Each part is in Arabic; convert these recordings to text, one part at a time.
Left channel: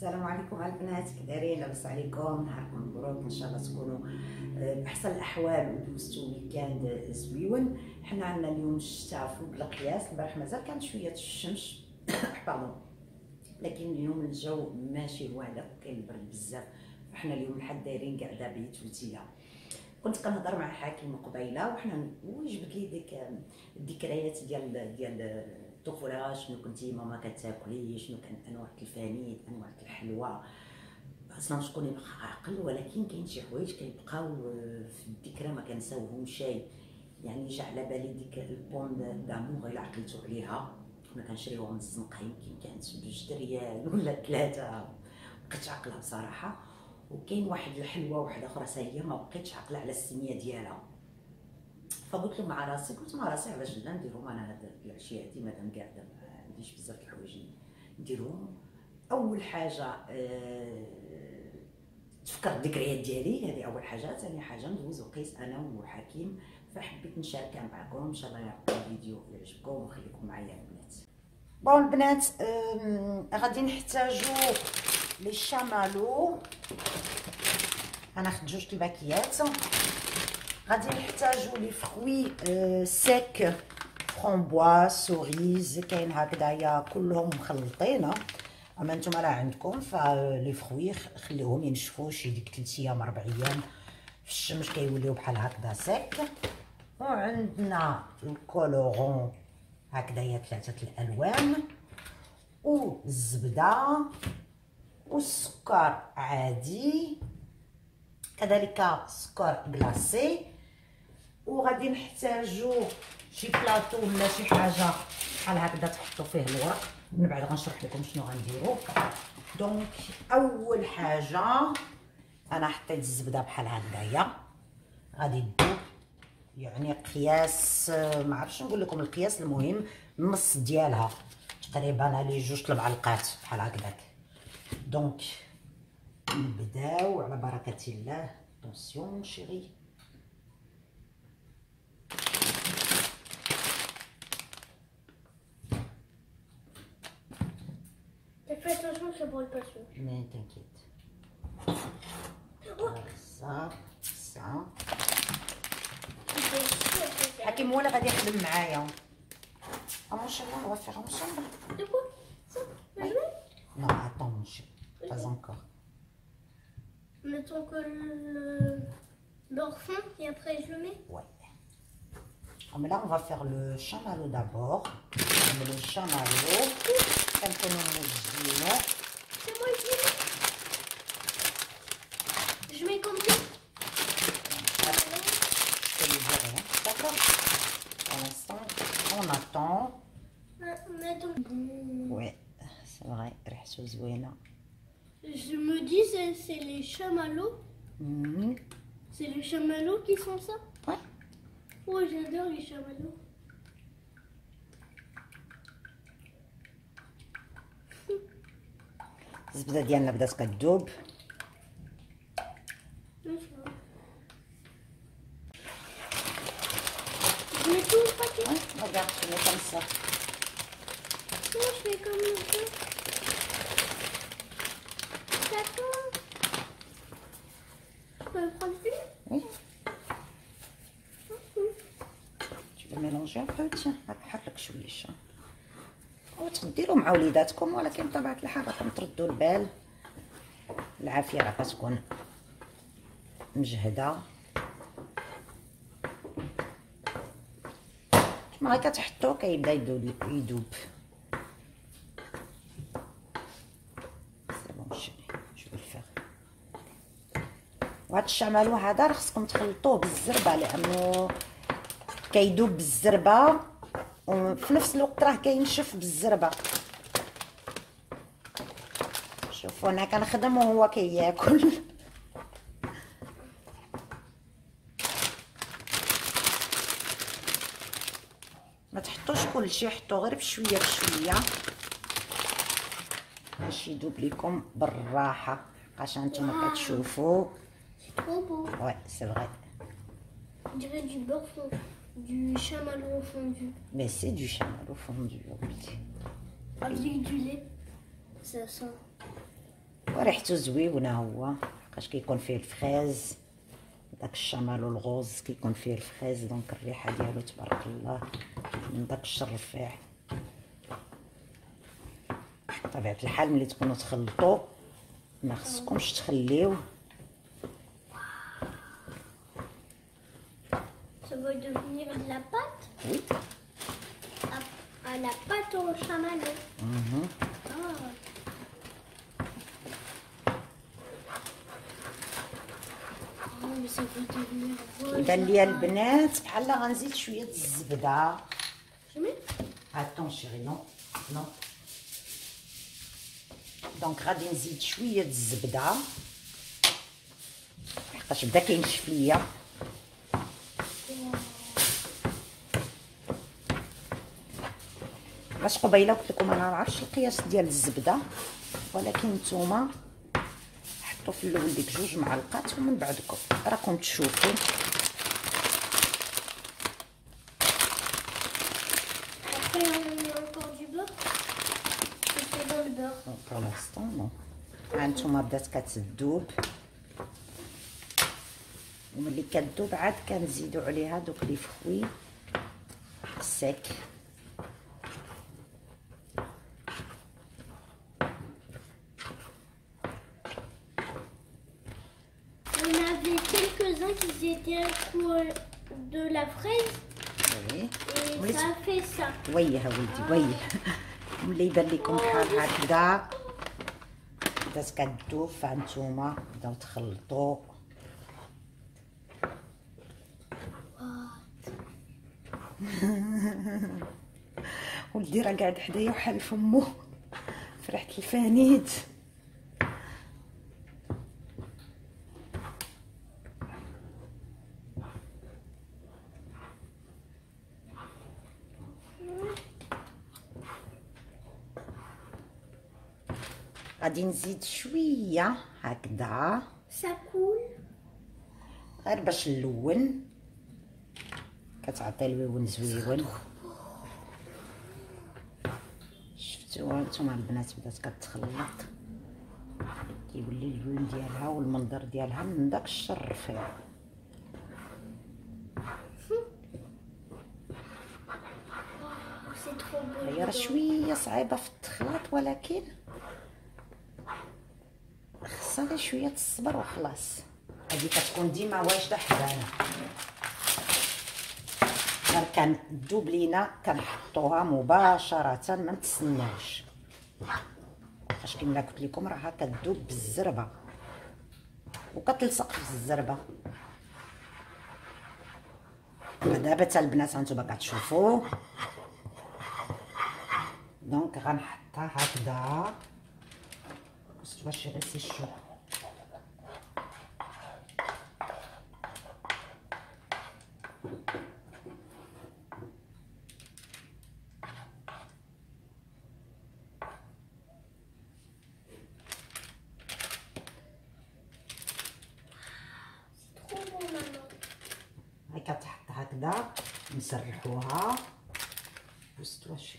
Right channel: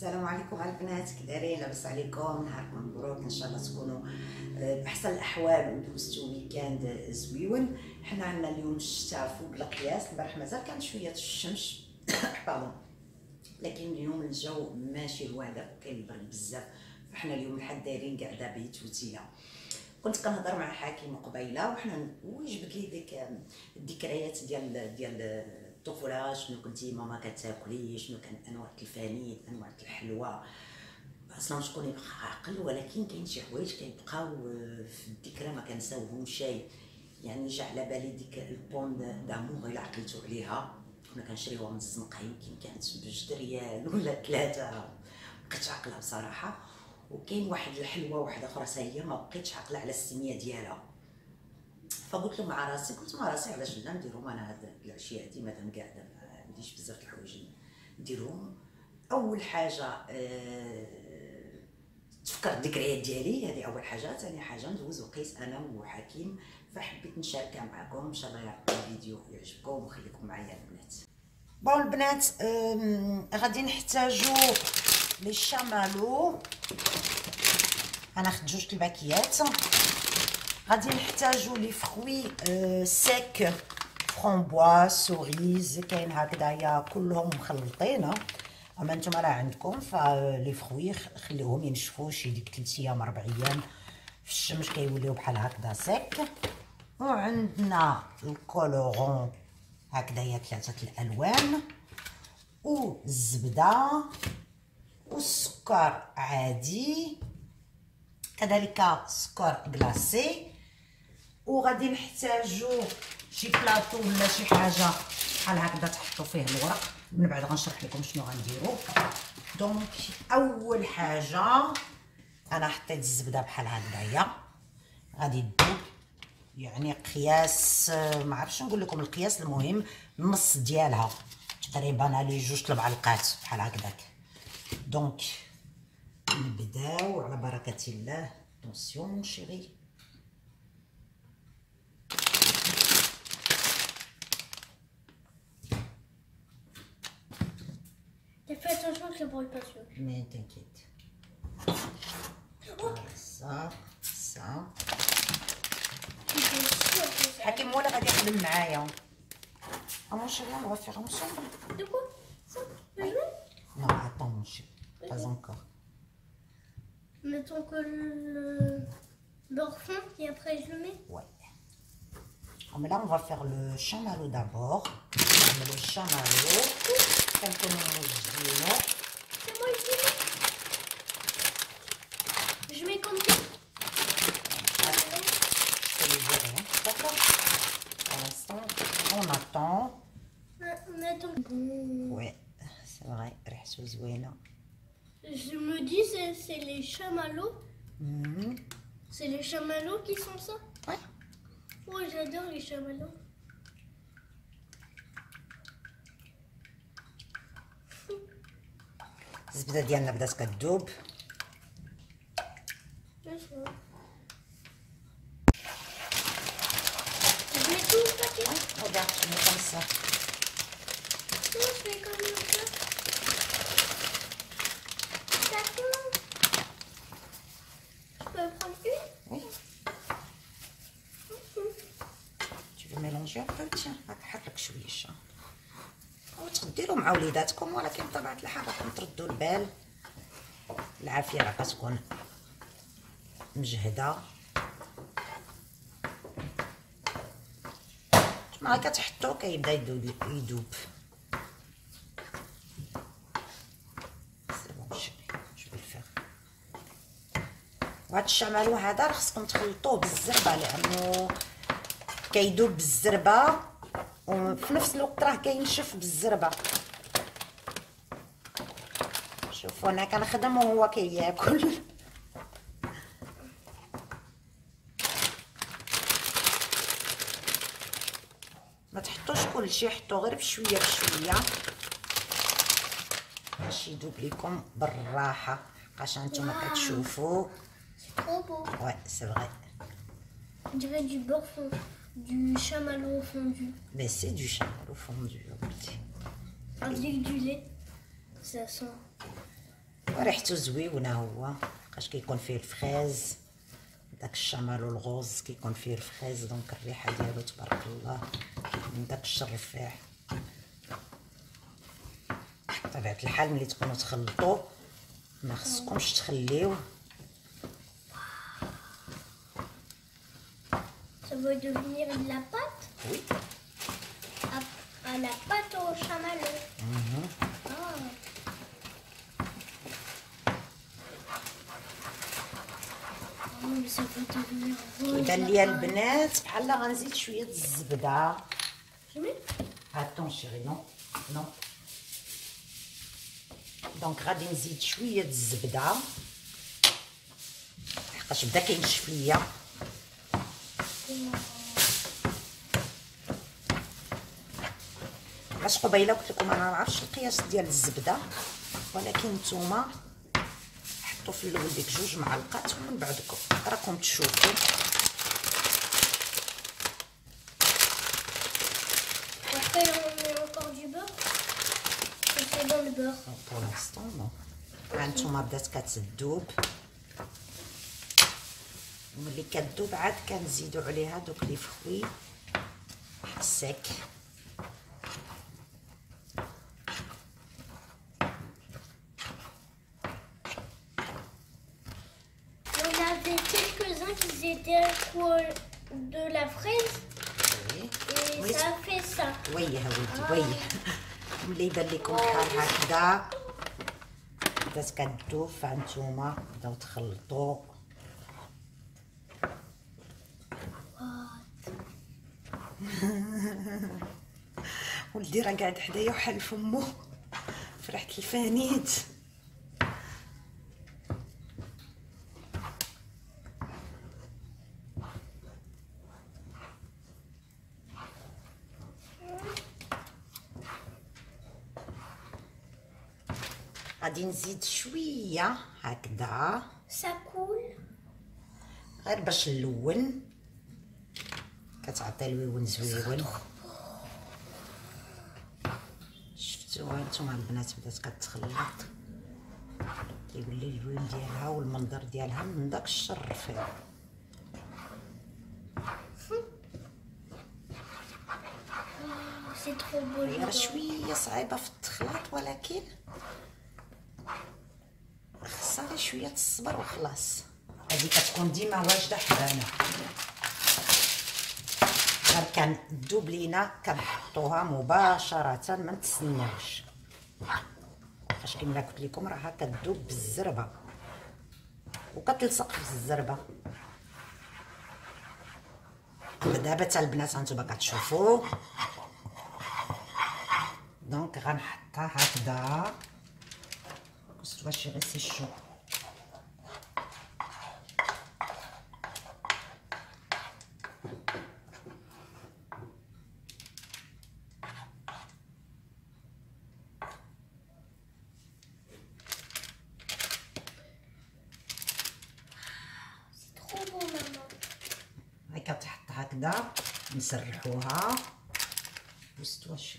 السلام عليكم البنات، كي دايرين؟ لاباس عليكم؟ نهاركم مبروك، ان شاء الله تكونوا باحسن الاحوال ودوزتوا ويكاند زويون. حنا عندنا اليوم الشتاء فوق القياس. البارح مازال كانت شويه الشمس باردون، لكن اليوم الجو ماشي هذاك، كاين البرد بزاف. فحنا اليوم الحد دايرين قاعده بيت وتيله. كنت كنهضر مع حكيم قبيله وحنا وجبت لي ديك الذكريات ديال الطفوله. شنو كنتي ماما كتاكلي، شنو كان انواع الفانيد، انواع الحلوى. اصلا شكون يبقى عاقل، ولكن كاين شي حوايج كيبقاو في الذكرى ما كنساوهمش. يعني جا على بالي ديك البون دامور، الا عقلتو عليها كنا كنشريوها من الزنقه، يمكن كانت ب2 ريال ولا 3، مبقيتش عاقله بصراحه. وكاين واحد الحلوه واحده اخرى هي ما بقيتش عاقله على السميه ديالها. فقلت له مع راسي، علاش لا نديرهم انا هاد العشيه هادي، مادام قاعده ما عنديش بزاف د الحوايج نديرهم. اول حاجه تفكر الذكريات ديالي، هذه اول حاجه. ثاني حاجه ندوز وقيس انا وحكيم، فحبيت نشاركها معكم. ان شاء الله يعجبكم الفيديو، يعجبكم وخليكم معايا البنات. بون البنات، غادي نحتاجو لي شامالو. غناخد 2 الباكيات. غادي نحتاجو لي فروي سيك، فرامبوا، سوريز، كاين هكذايا كلهم مخلطين. اما نتوما راه عندكم فلي فروي خليوهم ينشفوا شي ديك 3 ايام 4 ايام في الشمس، كيوليو بحال هكذا سيك. وعندنا الكولورون هكذايا 3 الالوان، والزبده، والسكر عادي، كذلك سكر كلاصي. وغادي نحتاجو شي بلاطو ولا شي حاجه بحال هكذا تحطوا فيه الورق. من بعد غنشرح لكم شنو غنديرو. دونك اول حاجه انا حطيت الزبده بحال هكذايا، غادي تذوب. يعني قياس ما عرفتش نقول لكم القياس، المهم النص ديالها تقريبا لي 2 المعالق بحال هكذاك. دونك نبداو على بركه الله. طونسيون شيري. Fais attention que ça brûle pas sûr. Mais t'inquiète. Voilà, ça. حكيم ولا غادي يخدم معايا. mon chéri, on va faire ensemble. De quoi? Ça? La joue? Non, attends mon chéri, pas encore. On attend que le beurre fond et après je le mets? Ouais. Mais là, on va faire le chamallow d'abord. On met le chamallow. C'est moi je mets comme ça. Attends, je te le dis rien. D'accord. Pour l'instant, on attend. On attend. Ouais, c'est vrai. Je me dis c'est les chamallows. C'est les chamallows qui font ça? Ouais. Oh, j'adore les chamallows. الزبده ديالنا بدات كتذوب. Je mets tout au paquet. Regarde, je mets comme ça. Moi je fais comme ça. D'accord. Je peux prendre plus? Oui. Tu veux mélanger un peu? Tiens, حرك شويه. وتديروا مع وليداتكم، ولكن بطبيعه الحال راكم تردوا البال. العافيه راه كتكون مجهده. ما كتحطوه كيبدا يذوب. سي بون شوفي جو الفيغ. وهاد الشمالو هذا راه خصكم تخلطوه بالزربه، لانه كيذوب بالزربه وفي نفس الوقت راه كينشف بالزربه. شوفوا انا كنخدم وهو كياكل. ما تحطوش كلشي، حطوا غير بشويه بشويه باش يذوب لكم بالراحه. عشان نتوما كتشوفوا. C'est trop beau. Ouais, c'est vrai. On dirait du beurre fondu. Du chamallow fondu. Mais c'est du chamallow fondu. Avec du lait. Ça sent. ريحته زويونه هو بقاش كيكون فيه الفريز داك الشمال والغوز كيكون فيه الفريز دونك الريحه ديالو تبارك الله من داك الشرفاع. بطبيعه الحال ملي تكونوا تخلطوا ما خصكمش تخليوه. Ça va devenir de la pâte وي à la pâte au chamallow. Mais ça va devenir rose. كيبان ليا البنات بحال غنزيد شويه الزبده. Jamais. Attends chérie, non non. دونك غادي نزيد شويه الزبده لحقاش بدا كينشف ليا. باش قبيله قلت لكم انا ما عرفتش القياس ديال الزبده، ولكن نتوما حطوا في الاول ديك 2 معلقات ومن بعد راكم تشوفوا. Après, on met encore du beurre. C'est dans le beurre. pour l'instant non. هانتوما بدات كتذوب، وملي كتذوب عاد كنزيدوا عليها دوك لي فخوي سيك. On avait quelques-uns qui étaient pour de la fraise et ça fait ça. ويه وليدي ويه. ملي يبان لكم بحال هكذا بدات كتذوب فهانتوما بداو تخلطوا. ولدي راه قاعد حدايا وحال فمو فرحة الفانيد. غادي نزيد شويه هكذا Ça coule. غير باش نلون، كتعطي اللون زويون. شفتوا هانتوما البنات بدات كتخلط، كيولي اللون ديالها والمنظر ديالها من داك الشرفاع. C'est trop beau. هي راه شويه صعيبه في التخلاط ولكن خصها غير شويه الصبر وخلاص. هذه كتكون ديما واجده حدانا، غير كتذوب لينا كنحطوها مباشره ما نتسناوش، فاش كما قلت لكم راها كتذوب بالزربه وكتلصق في الزربه. دابا حتى البنات هانتوما كتشوفوا دونك غنحطها هكذا باش باش غير سيشو. C'est trop beau, maman. هاي كتحط هكذا نسرحوها وستوا شي.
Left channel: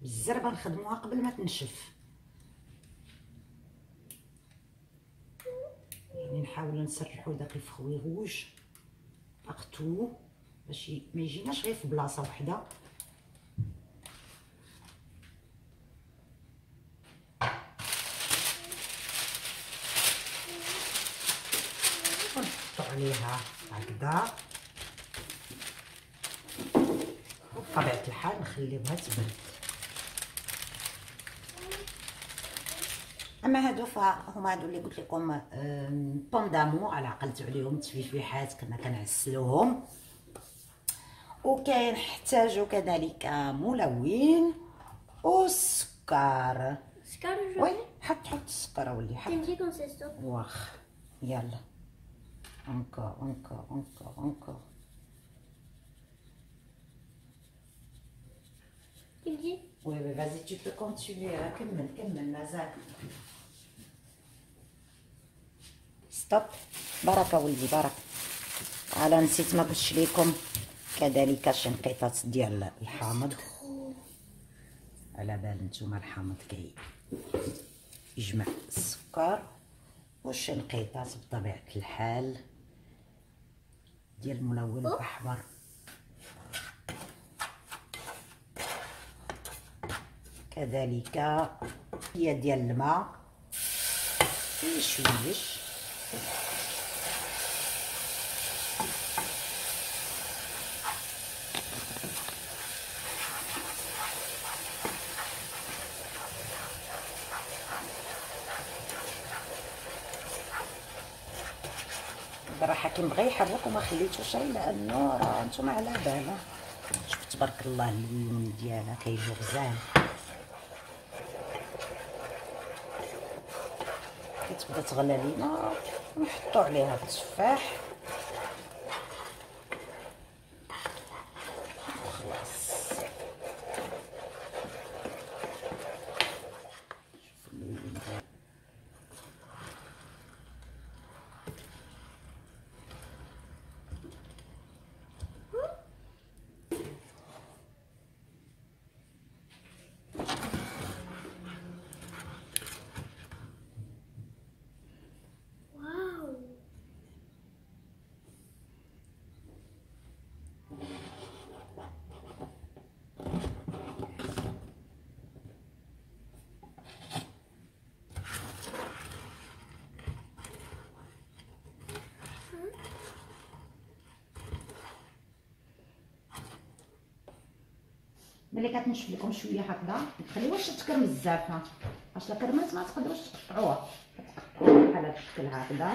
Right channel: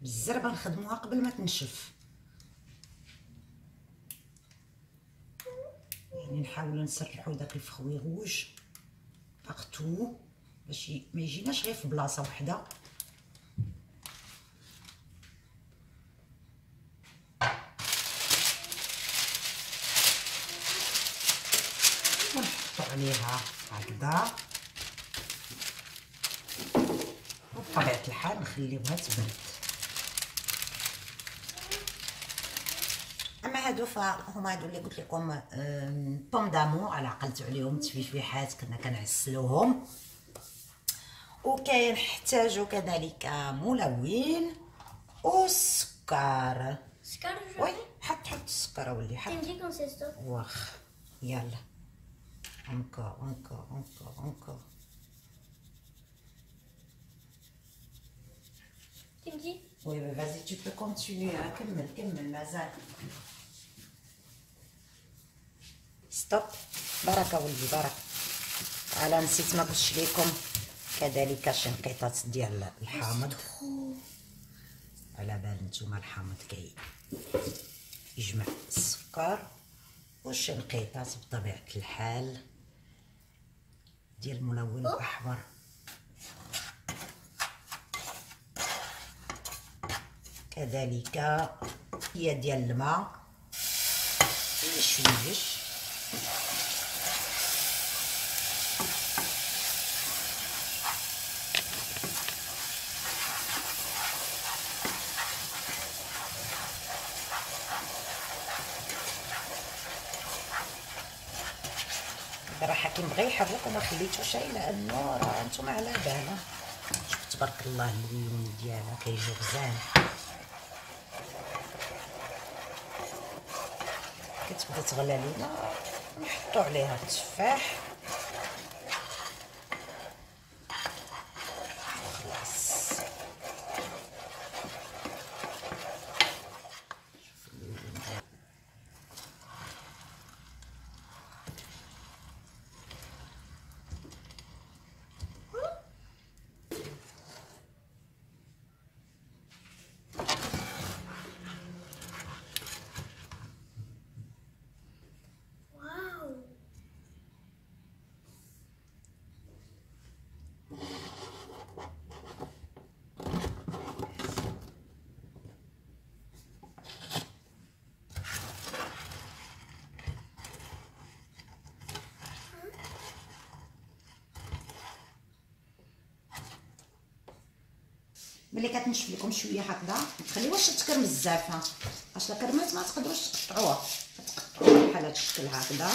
بالزربه نخدموها قبل ما تنشف، يعني نحاولوا نسرحوا داك الفخوي روج باغتو باش ما يجيناش غير في بلاصه وحده. ونحطوا عليها هكذا وبطبيعه الحال نخليوها تبرد. اما هادو فهما هادو اللي قلت لكم بوم دامور على عقلت عليهم تفيفيحات كنا كنعسلوهم. وكنحتاجو كذلك ملون والسكر. Scar, وي حط السكر اولي tu حط. me dis quand c'est stop. واخ يلا encore encore encore encore. Tu me dis. Oui, mais vas-y, tu peux continuer. Hein. كمل مازال. Stop. بركه ولدي بركه. على نسيت ما قلتش لكم كذلك شي نقيطات ديال الحامض. على بال نتوما الحامض يجمع السكر، وشي نقيطات بطبيعه الحال ديال الملون الاحمر. كذلك هي ديال الماء شويش. راه حكيم بغى يحرك وما خليتو شي، لانه راه نتوما على بالها. شوف تبارك الله اللون ديالها كيجي غزال. كتبدا تغلى علينا نحطو عليها التفاح وخلاص. ملي كتنشف لكم شويه هكذا ما تخليوهاش تكرمل بزاف، اش لا كرملت ما تقدروش تقطعوها، كتقطعوها بحال هذا الشكل هكذا.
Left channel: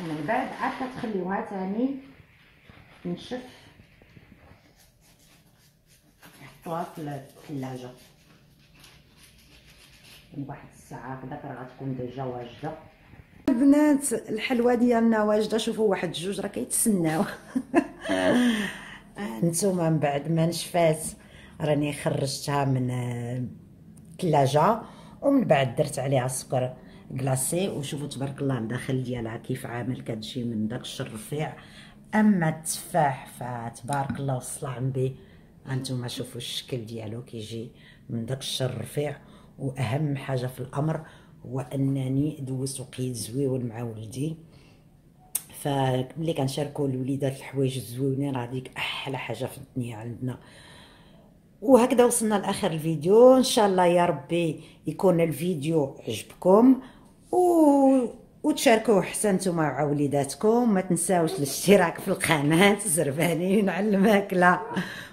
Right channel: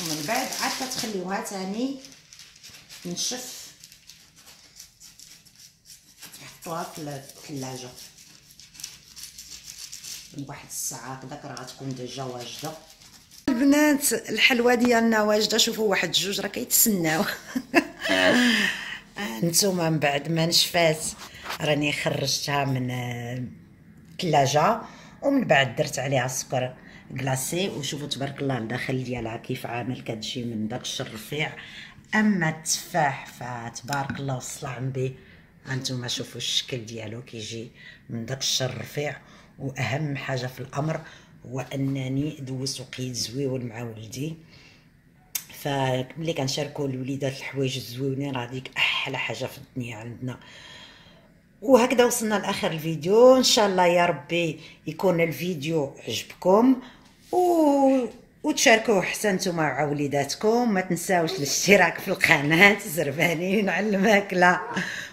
ومن بعد عاد كتخليوها ثاني تنشف، تحطوها في الثلاجه واحد الساعه هكذاك راه غتكون ديجا واجده. البنات الحلوه ديالنا واجده. شوفوا واحد جوج راه كيتسناو. نتوما من بعد ما نشفات راني خرجتها من الثلاجه، ومن بعد درت عليها السكر كلاصي. وشوفوا تبارك الله الداخل ديالها كيف عامل، كتجي من داكشي الرفيع. اما التفاح فتبارك الله والصلعم به، هانتوما شوفوا الشكل ديالو كيجي من داكشي الرفيع. واهم حاجه في الامر هو انني دوزت وقيت زويون مع ولدي، فملي كنشاركوا الوليدات الحوايج الزوينين راه ديك احلى حاجه في الدنيا عندنا. وهكذا وصلنا لاخر الفيديو. ان شاء الله يا ربي يكون الفيديو عجبكم وتشاركوه حتى نتوما مع وليداتكم. ما تنساوش الاشتراك في القناه زربانين على الماكله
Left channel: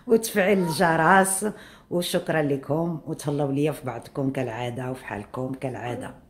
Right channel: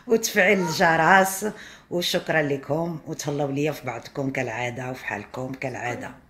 وتفعيل الجرس. وشكرا لكم، وتهلاو ليا في بعضكم كالعاده وفي حالكم كالعاده.